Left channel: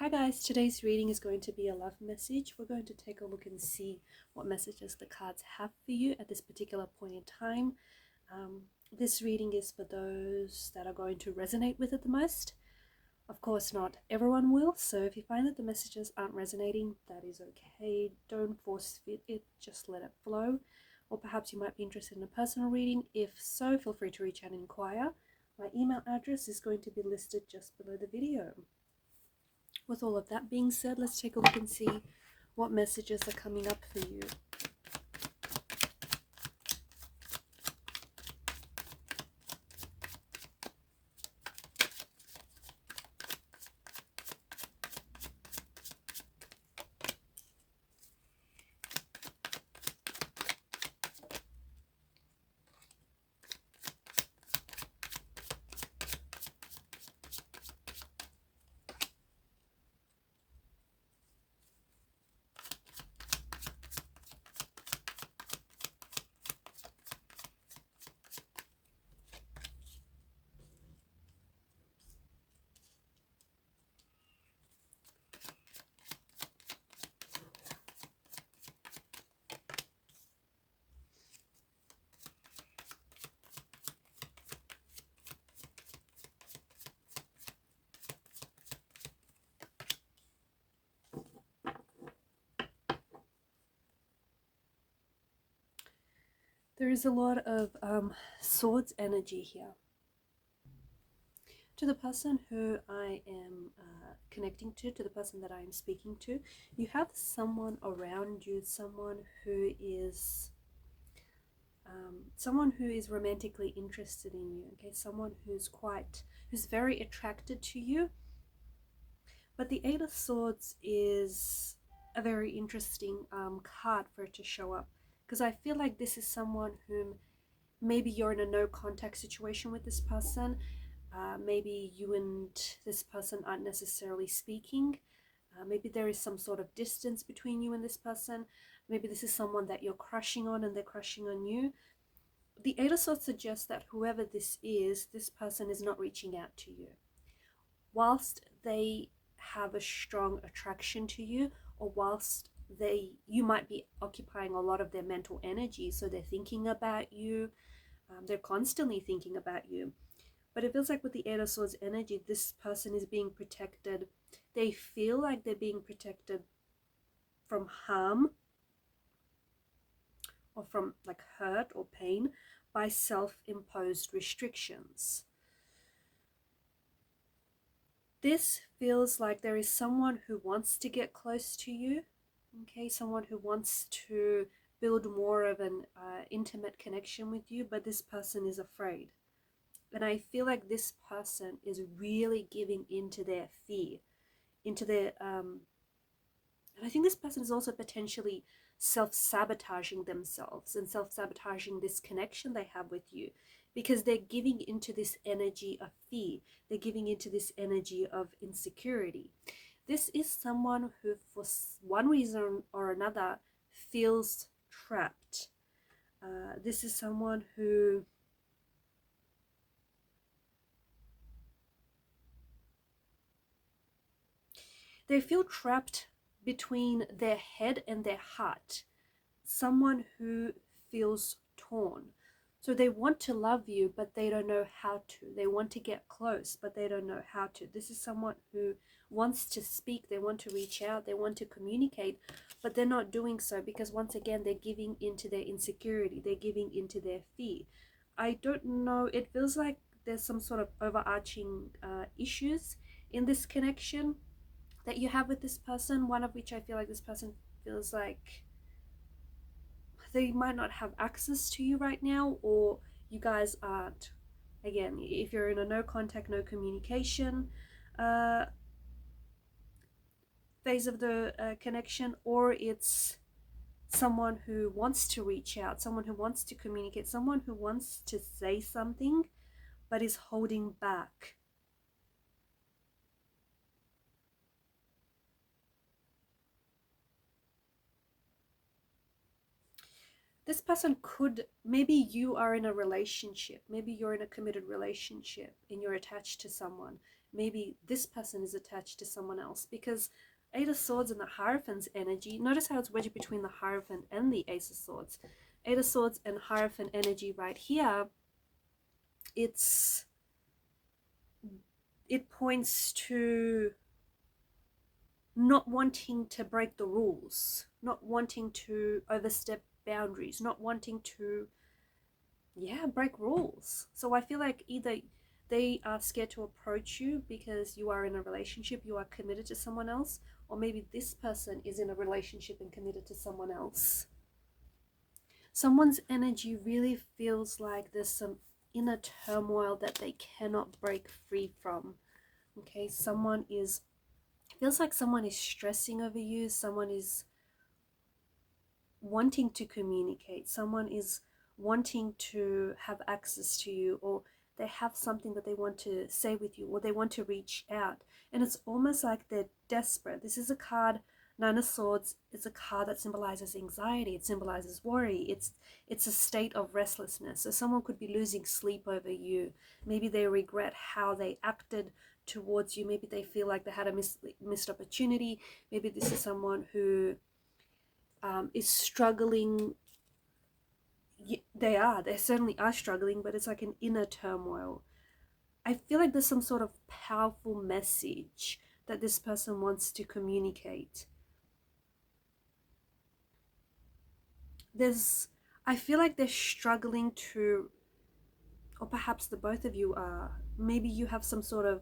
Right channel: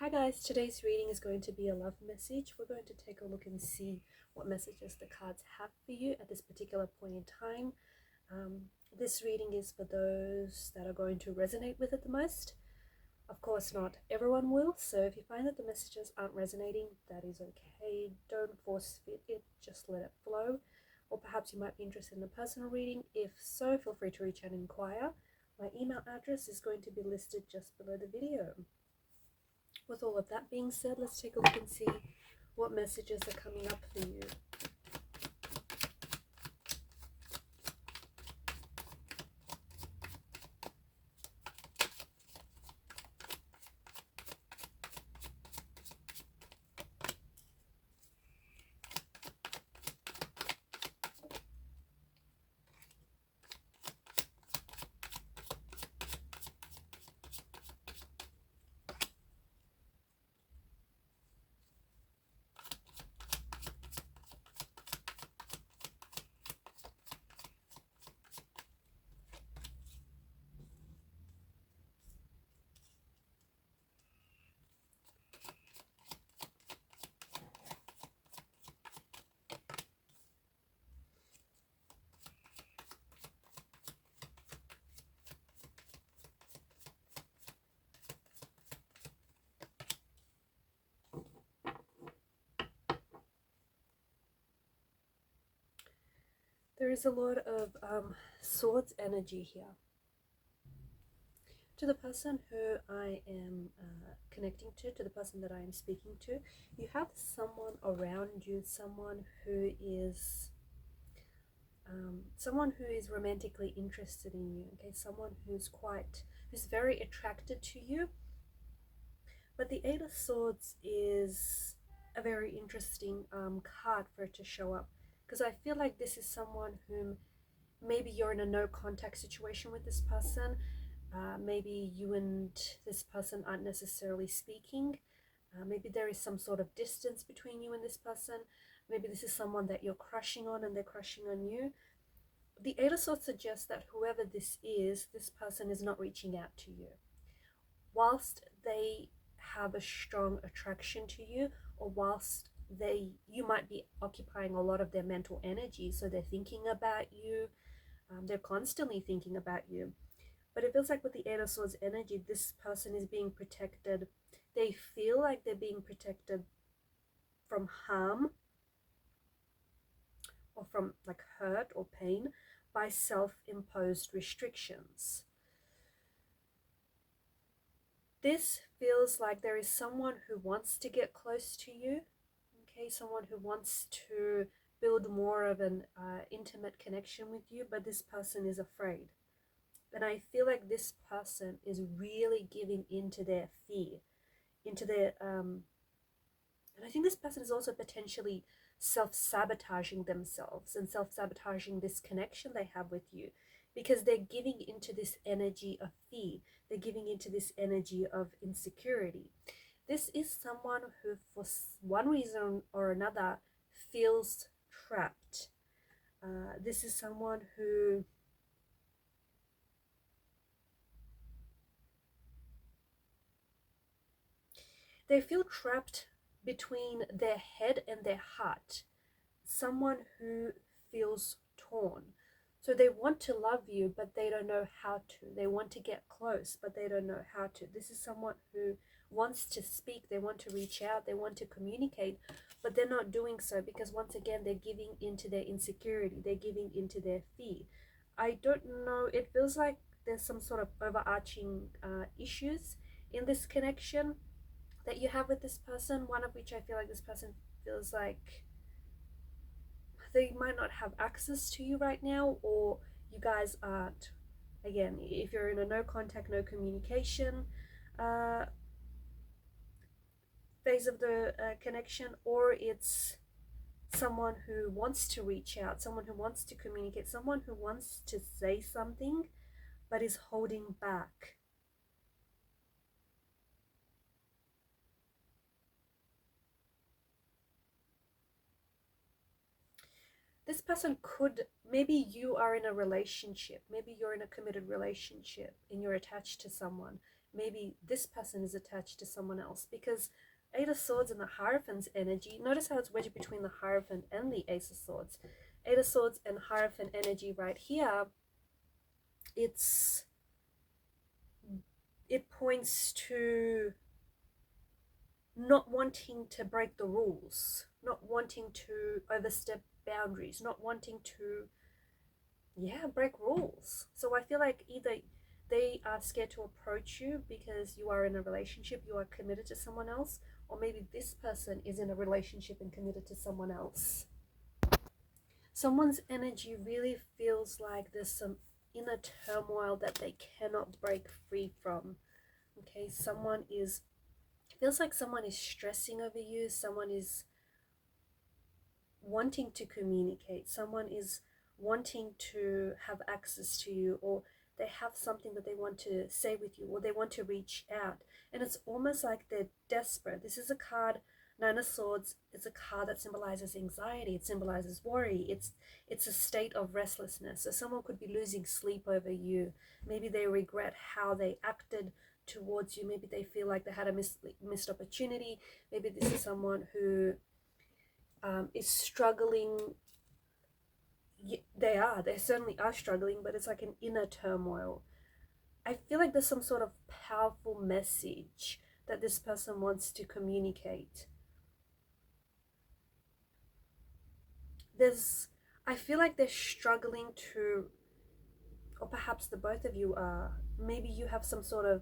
Hi guys, today's reading is going to be a love message. We're going to take a look and see what messages the cards have for you at this particular point in time. This reading is for those that are going to resonate with it the most. Of course, not everyone will, so if you find that the messages aren't resonating, that is okay. Don't force fit it, just let it flow. Or perhaps you might be interested in a personal reading. If so, feel free to reach out and inquire. My email address is going to be listed just below the video. With all of that being said, let's take a look and see what messages are coming up for you. There is a lot of swords energy here. To the person who I am connecting to the person that I am speaking to, you have someone around you, someone who is romantically interested in you. Okay, someone who's very attracted to you. But the Eight of Swords is a very interesting card for it to show up, because I feel like this is someone whom maybe you're in a no contact situation with this person. Maybe you and this person aren't necessarily speaking. Maybe there is some sort of distance between you and this person. Maybe this is someone that you're crushing on and they're crushing on you. The Eight of Swords suggests that whoever this is, this person is not reaching out to you. Whilst they have a strong attraction to you, or whilst you might be occupying a lot of their mental energy, so they're thinking about you, they're constantly thinking about you. But it feels like with the Eight of Swords energy, this person is being protected. They feel like they're being protected from harm or from like hurt or pain by self-imposed restrictions. This feels like there is someone who wants to get close to you, okay, someone who wants to build more of an intimate connection with you, but this person is afraid. And I feel like this person is really giving into their fear, into their, and I think this person is also potentially self-sabotaging themselves and self-sabotaging this connection they have with you, because they're giving into this energy of fear. They're giving into this energy of insecurity. This is someone who, for one reason or another, feels trapped. This is someone who they feel trapped between their head and their heart. Someone who feels torn. So they want to love you, but they don't know how to. They want to get close, but they don't know how to. This is someone who wants to speak. They want to reach out. They want to communicate, but they're not doing so because, once again, they're giving into their insecurity. They're giving into their fear. I don't know. It feels like there's some sort of overarching issues in this connection that you have with this person, one of which I feel like this person feels like they might not have access to you right now, or you guys aren't, again, if you're in a no contact, no communication phase of the connection, or it's someone who wants to reach out, someone who wants to communicate, someone who wants to say something but is holding back. This person could, maybe you are in a relationship, maybe you're in a committed relationship and you're attached to someone. maybe this person is attached to someone else, because Eight of Swords and the Hierophant's energy, notice how it's wedged between the Hierophant and the Ace of Swords. Eight of Swords and Hierophant energy right here, it points to not wanting to break the rules, not wanting to overstep boundaries, not wanting to, break rules. So I feel like either they are scared to approach you because you are in a relationship, you are committed to someone else, or maybe this person is in a relationship and committed to someone else. Someone's energy really feels like there's some inner turmoil that they cannot break free from. Okay, feels like someone is stressing over you, someone is wanting to communicate, someone is wanting to have access to you, or they have something that they want to say with you, or they want to reach out. And it's almost like they're desperate. This is a card, Nine of Swords. It's a card that symbolizes anxiety. It symbolizes worry. It's a state of restlessness. So someone could be losing sleep over you. Maybe they regret how they acted towards you. Maybe they feel like they had a missed opportunity. Maybe this is someone who is struggling. They certainly are struggling, but it's like an inner turmoil. I feel like there's some sort of powerful message that this person wants to communicate. I feel like they're struggling to, or perhaps the both of you are, maybe you have some sort of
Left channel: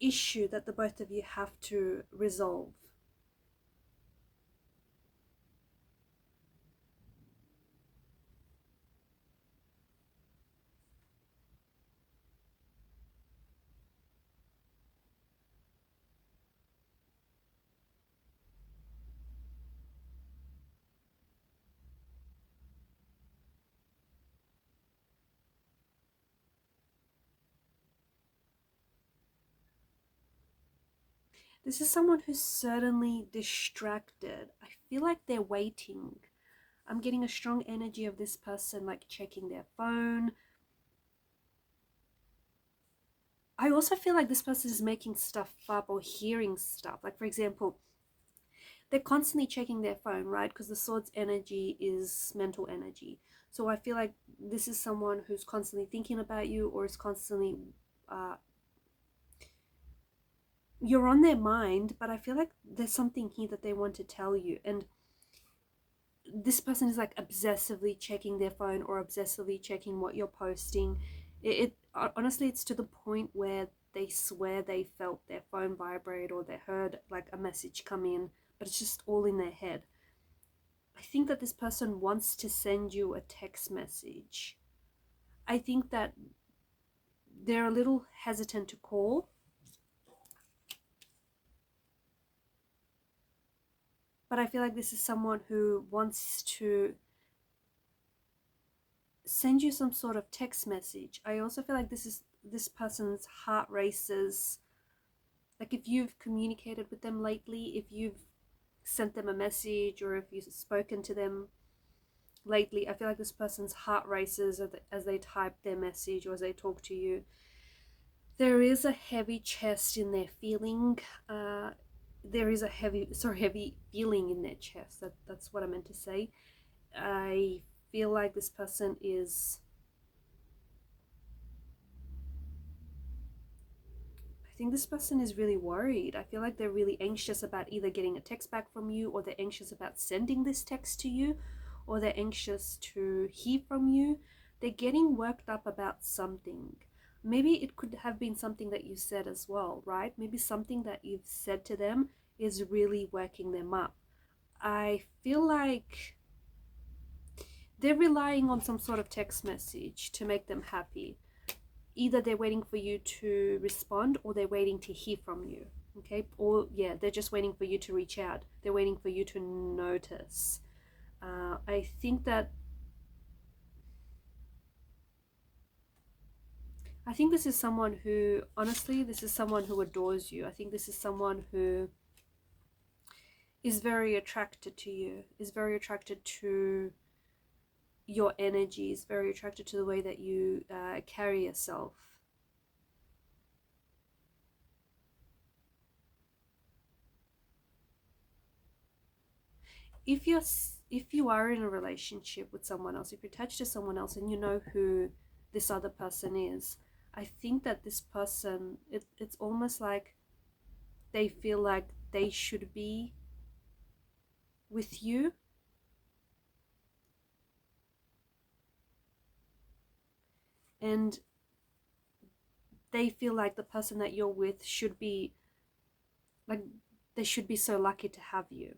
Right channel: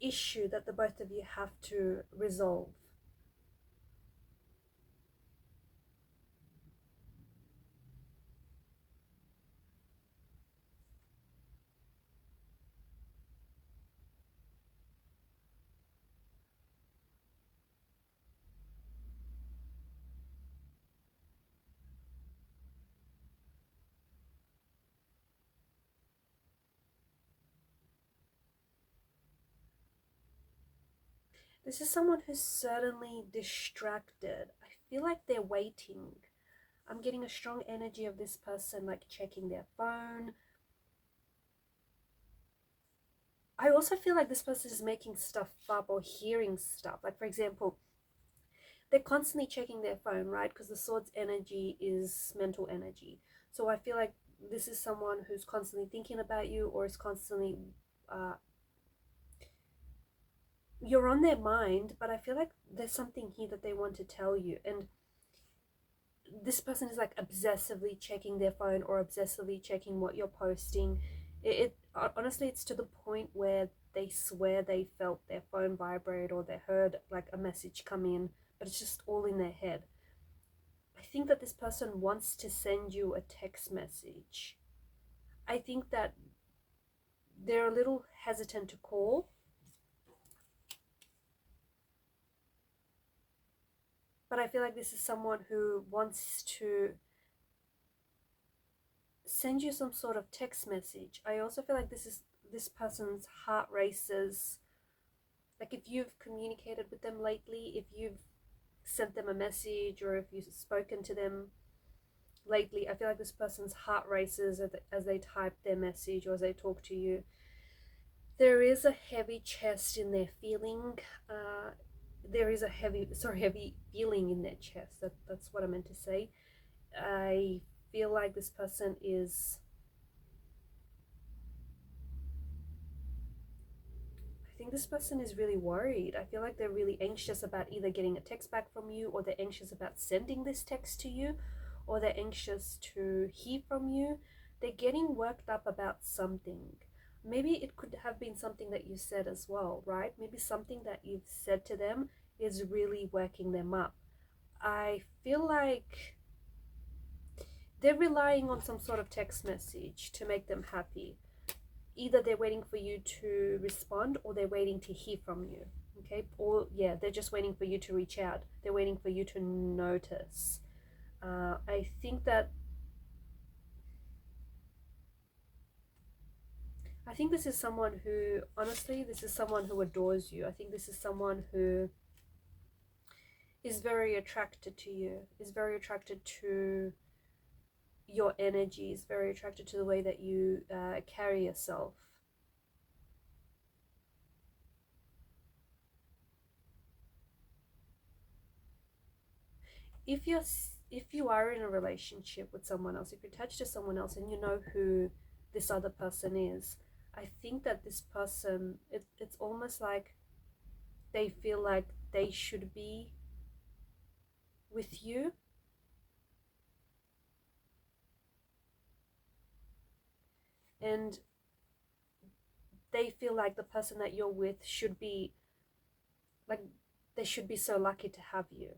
issue that the both of you have to resolve. This is someone who's certainly distracted. I feel like they're waiting. I'm getting a strong energy of this person like checking their phone. I also feel like this person is making stuff up or hearing stuff. Like, for example, they're constantly checking their phone, right? Because the Swords energy is mental energy. So I feel like this is someone who's constantly thinking about you, or is constantly you're on their mind, but I feel like there's something here that they want to tell you. And this person is like obsessively checking their phone or obsessively checking what you're posting. Honestly, it's to the point where they swear they felt their phone vibrate, or they heard like a message come in, but it's just all in their head. I think that this person wants to send you a text message. I think that they're a little hesitant to call. But I feel like this is someone who wants to send you some sort of text message. I also feel like this person's heart races. Like, if you've communicated with them lately, if you've sent them a message, or if you've spoken to them lately, I feel like this person's heart races as they type their message or as they talk to you. There is a heavy chest in their feeling. There is a heavy feeling in their chest. That's what I meant to say. I feel like this person is, I think this person is really worried. I feel like they're really anxious about either getting a text back from you, or they're anxious about sending this text to you, or they're anxious to hear from you. They're getting worked up about something. Maybe it could have been something that you said as well, right? Maybe something that you've said to them is really working them up. I feel like they're relying on some sort of text message to make them happy. Either they're waiting for you to respond, or they're waiting to hear from you. Okay? Or yeah, they're just waiting for you to reach out. They're waiting for you to notice. I think this is someone who, honestly, this is someone who adores you. I think this is someone who is very attracted to you, is very attracted to your energy, is very attracted to the way that you carry yourself. if you are in a relationship with someone else, if you're attached to someone else and you know who this other person is, I think that this person, it's almost like they feel like they should be with you. And they feel like the person that you're with should be, like, they should be so lucky to have you.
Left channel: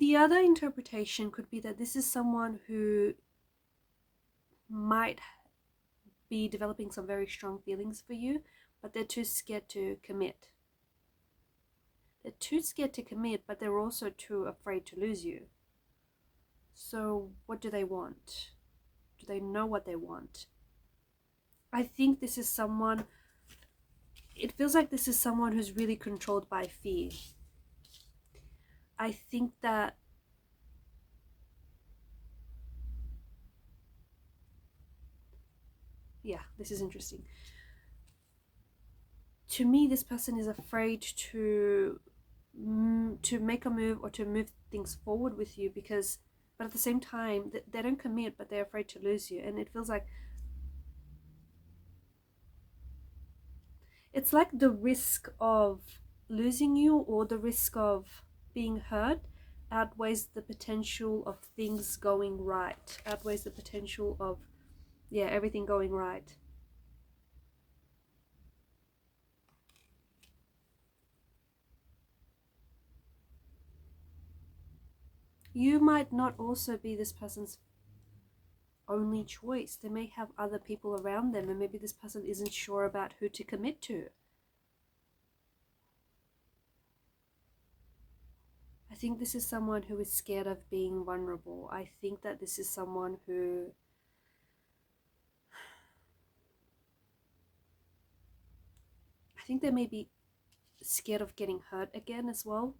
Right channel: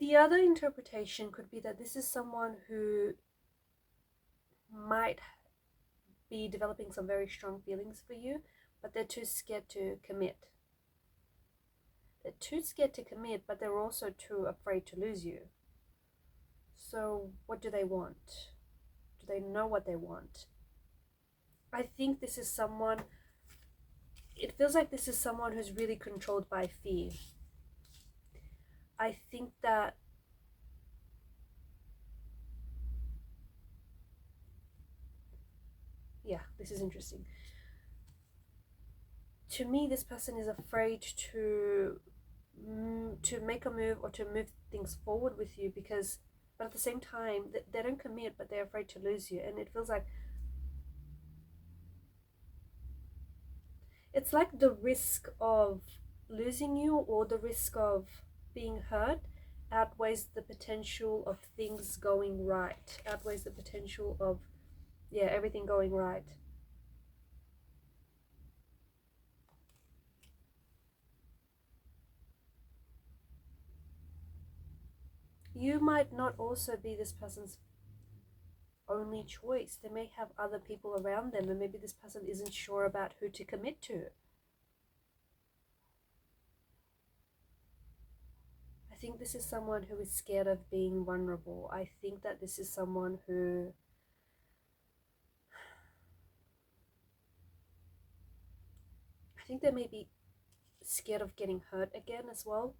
The other interpretation could be that this is someone who might be developing some very strong feelings for you, but they're too scared to commit. They're too scared to commit, but they're also too afraid to lose you. So what do they want? Do they know what they want? I think this is someone, it feels like this is someone who's really controlled by fear. I think that yeah, this is interesting. To me, this person is afraid to make a move or to move things forward with you, because, but at the same time, they don't commit, but they're afraid to lose you. And it feels like it's like the risk of losing you or the risk of being hurt outweighs the potential of things going right, outweighs the potential of, yeah, everything going right. You might not also be this person's only choice. They may have other people around them, and maybe this person isn't sure about who to commit to. I think this is someone who is scared of being vulnerable. I think that this is someone who I think they may be scared of getting hurt again as well.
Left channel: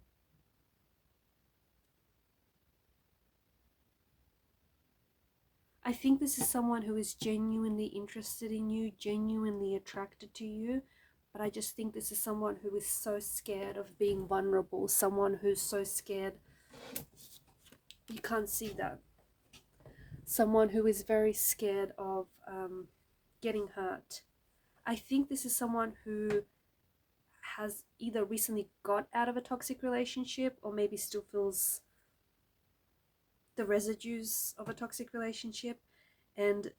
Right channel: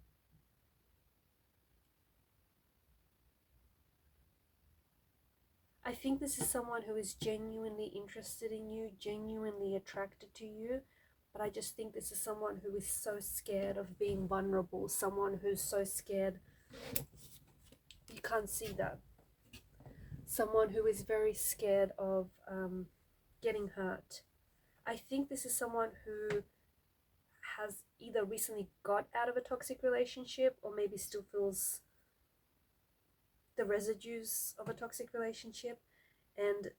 I think this is someone who is genuinely interested in you, genuinely attracted to you, but I just think this is someone who is so scared of being vulnerable, someone who's so scared. You can't see that. Someone who is very scared of getting hurt. I think this is someone who has either recently got out of a toxic relationship or maybe still feels the residues of a toxic relationship, and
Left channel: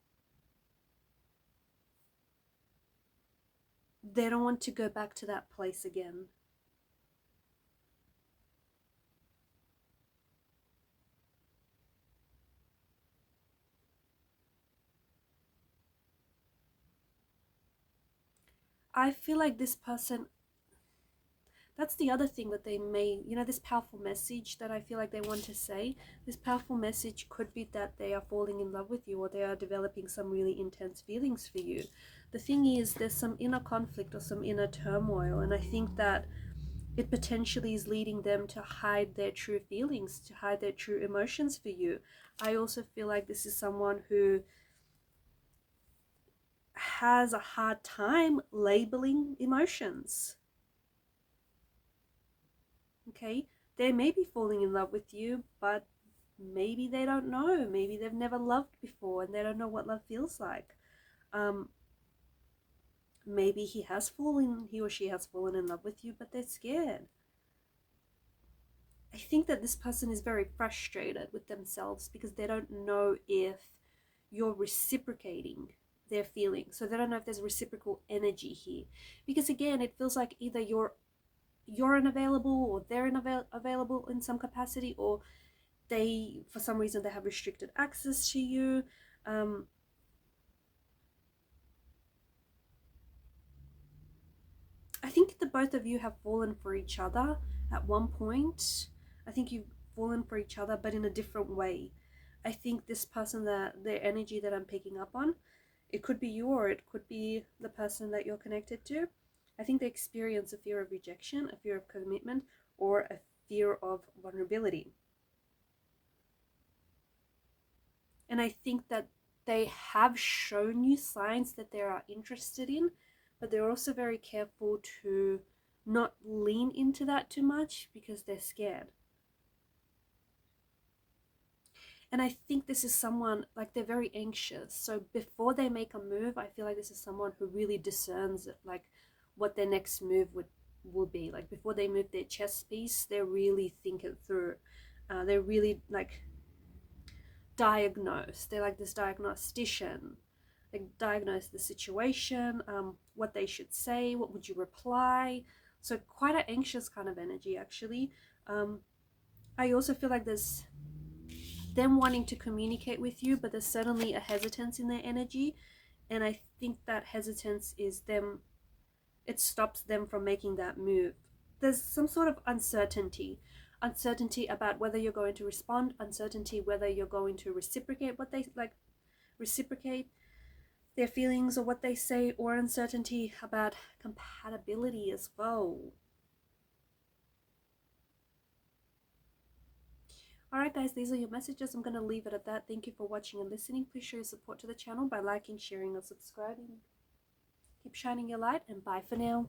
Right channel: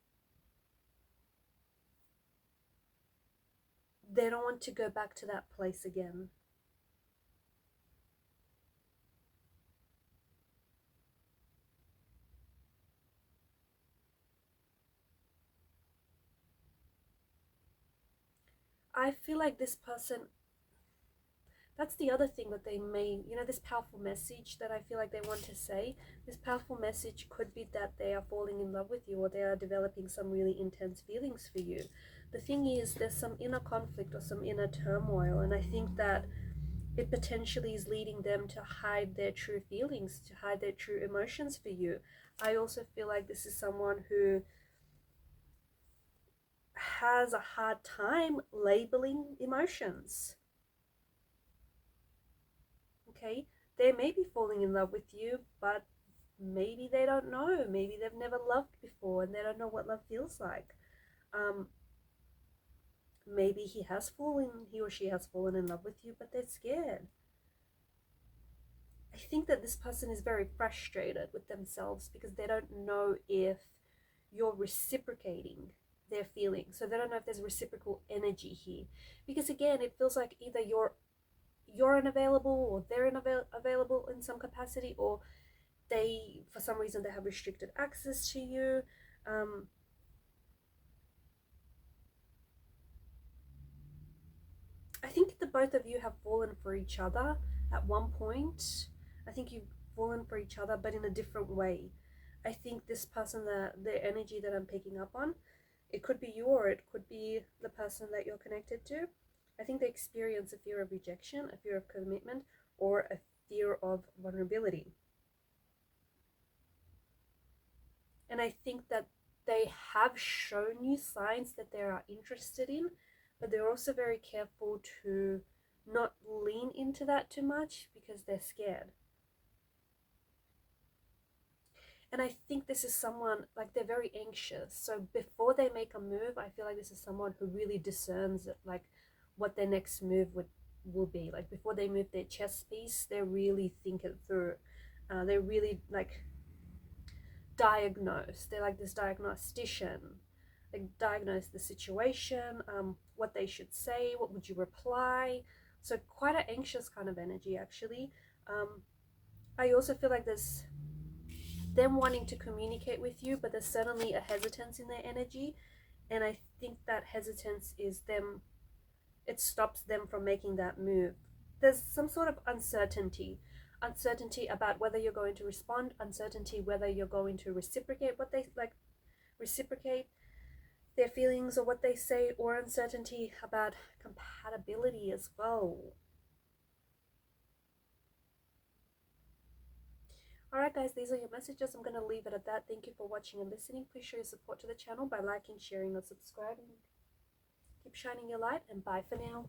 they don't want to go back to that place again. I feel like this person, that's the other thing that they may, this powerful message that I feel like they want to say, this powerful message could be that they are falling in love with you, or they are developing some really intense feelings for you. The thing is, there's some inner conflict or some inner turmoil, and I think that it potentially is leading them to hide their true feelings, to hide their true emotions for you. I also feel like this is someone who has a hard time labeling emotions. Okay, they may be falling in love with you, but maybe they don't know. Maybe they've never loved before and they don't know what love feels like. Maybe he or she has fallen in love with you, but they're scared. I think that this person is very frustrated with themselves because they don't know if you're reciprocating their feelings. So they don't know if there's reciprocal energy here. Because again, it feels like either you're unavailable or they're unavailable in some capacity, or they, for some reason, they have restricted access to you. I think the both of you have fallen for each other at one point. I think you've fallen for each other, but in a different way. I think this person, that their energy that I'm picking up on, it could be you or it could be the person that you're connected to. I think they experience a fear of rejection, a fear of commitment, or a fear of vulnerability. And I think that they have shown you signs that they are interested in, but they're also very careful to not lean into that too much because they're scared. And I think this is someone, like, they're very anxious. So before they make a move, I feel like this is someone who really discerns like what their next move will be. Like before they move their chess piece, they really think it through. They're really like diagnosed. They're like this diagnostician. They diagnose the situation, what they should say, what would you reply. So quite an anxious kind of energy, actually. I also feel like there's them wanting to communicate with you, but there's certainly a hesitance in their energy. And I think that hesitance is them, it stops them from making that move. There's some sort of uncertainty about whether you're going to respond, uncertainty whether you're going to reciprocate what they like, reciprocate their feelings or what they say, or uncertainty about compatibility as well. Alright guys, these are your messages. I'm going to leave it at that. Thank you for watching and listening. Please show your support to the channel by liking, sharing, or subscribing. Keep shining your light, and bye for now.